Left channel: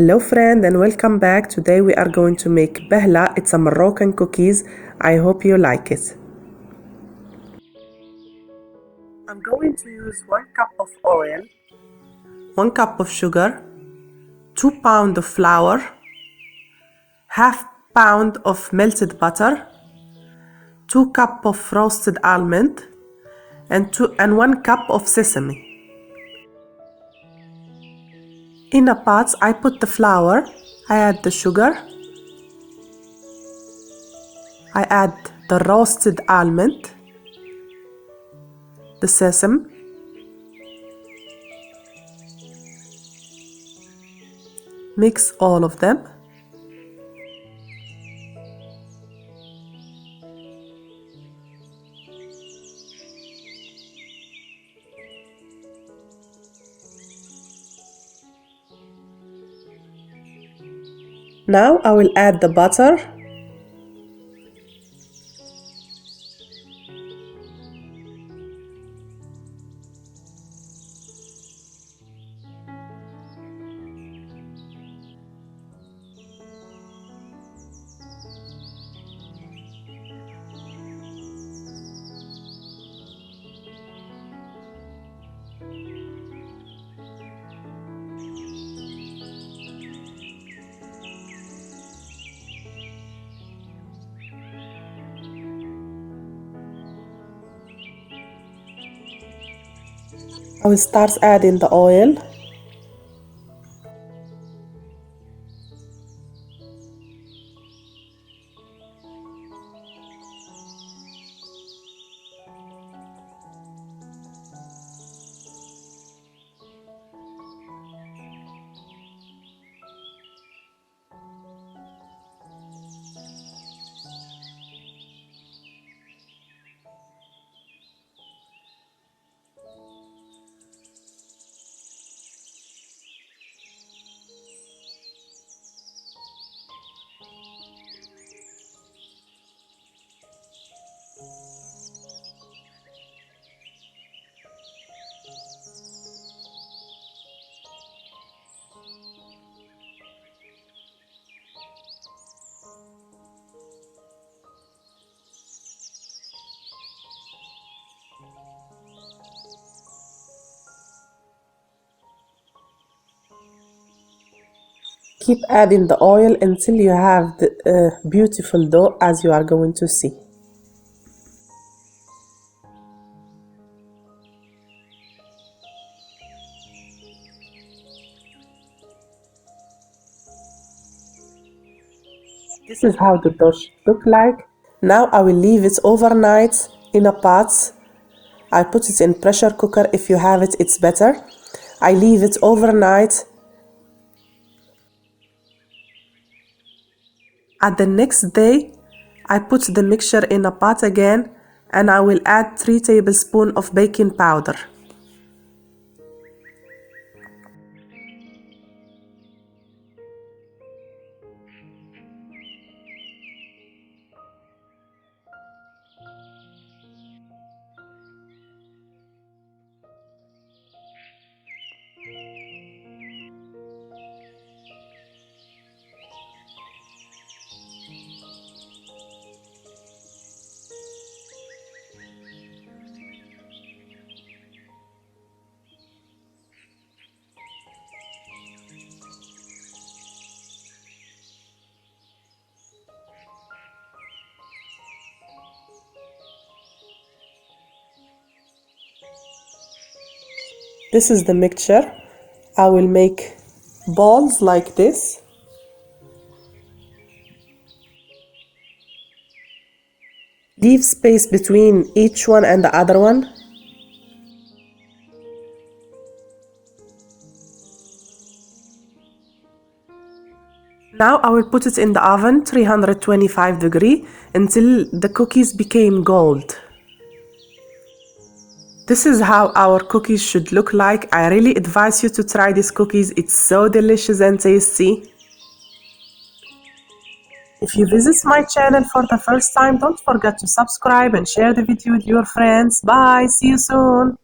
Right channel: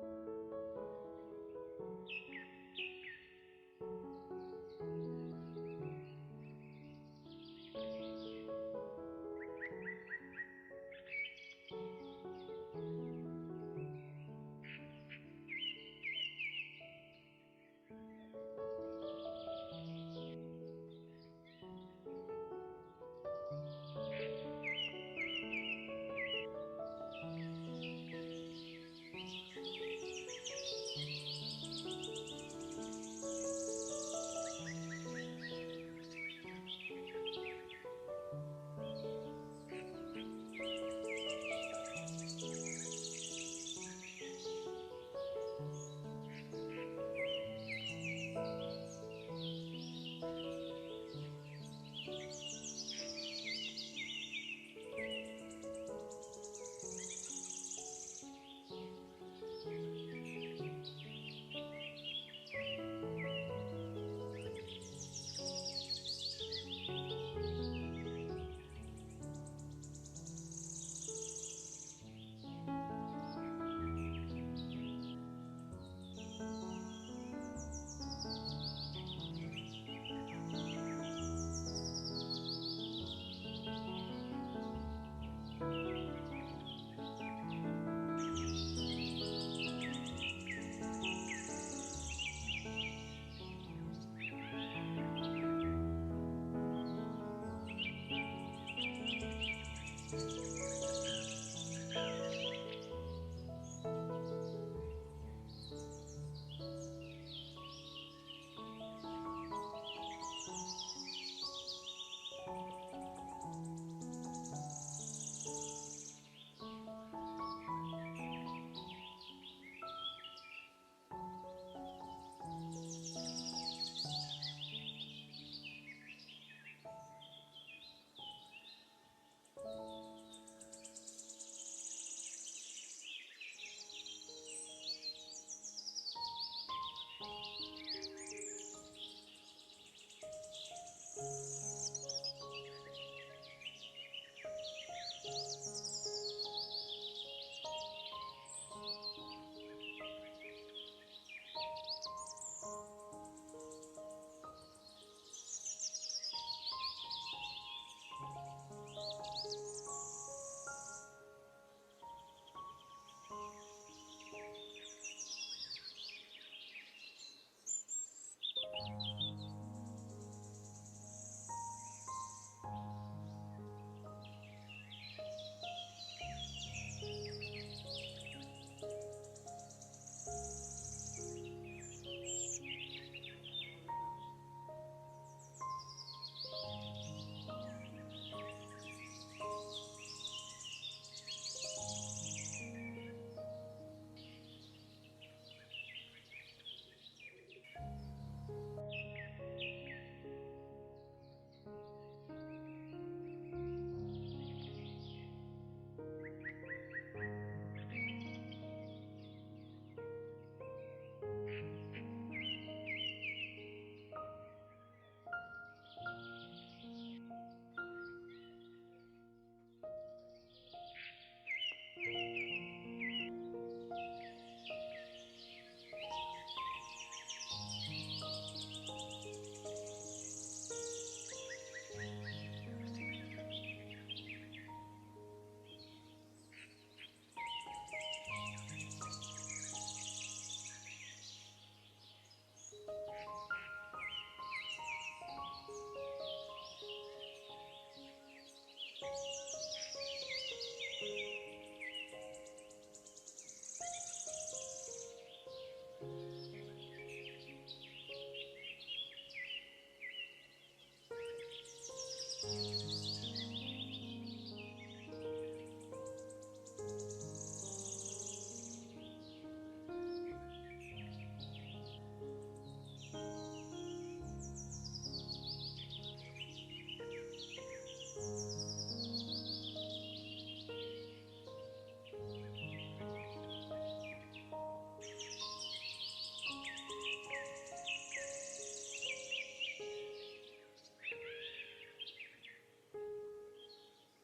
Hello friend and welcome back. Today we are going to make BAHLA. It's a Moroccan cookies. I hope you like it. I'm going to use 1 cup of oil, 1 cup of sugar, 2 pounds of flour, half pound of melted butter, 2 cup of roasted almond, and 1 cup of sesame. In a pot, I put the flour, I add the sugar, I add the roasted almond, the sesame, mix all of them. Now I will add the butter, I will start adding the oil. Keep adding the oil until you have the beautiful dough, as you are going to see. This is how the dough should look like. Now I will leave it overnight in a pot. I put it in pressure cooker. If you have it, it's better. I leave it overnight. At the next day, I put the mixture in a pot again, and I will add 3 tablespoons of baking powder. This is the mixture. I will make balls like this. Leave space between each one and the other one. Now I will put it in the oven, 325 degrees, until the cookies became gold. This is how our cookies should look like. I really advise you to try these cookies. It's so delicious and tasty. If you visit my channel for the first time, don't forget to subscribe and share the video with your friends. Bye, see you soon.